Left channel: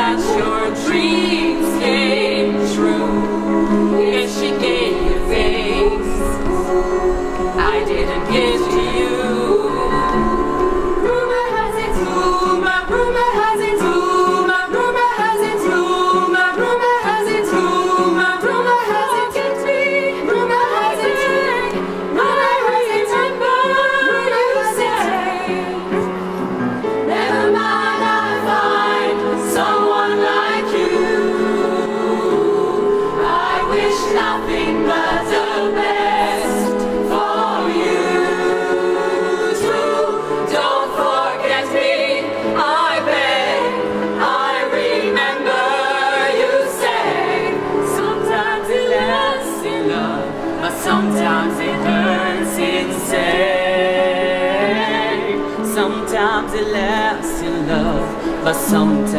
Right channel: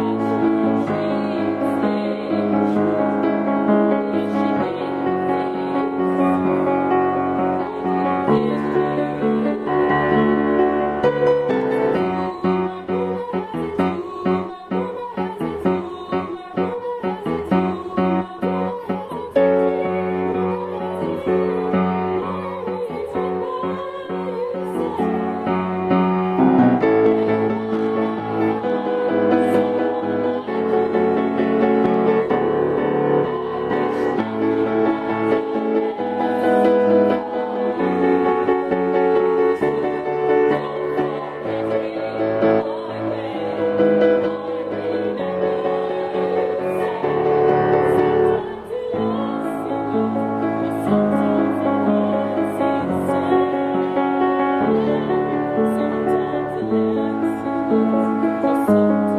that your dreams came true. If she gave you things I didn't give to you. Rumor has it, rumor has it, rumor has it, rumor has it, rumor has it, rumor has it, rumor has it, never mind, I'll find someone like you. I wish nothing but the best for you too. Don't forget me, I beg. I remember you say sometimes it lasts in love, but sometimes it hurts insane. Sometimes it lasts in love, but sometimes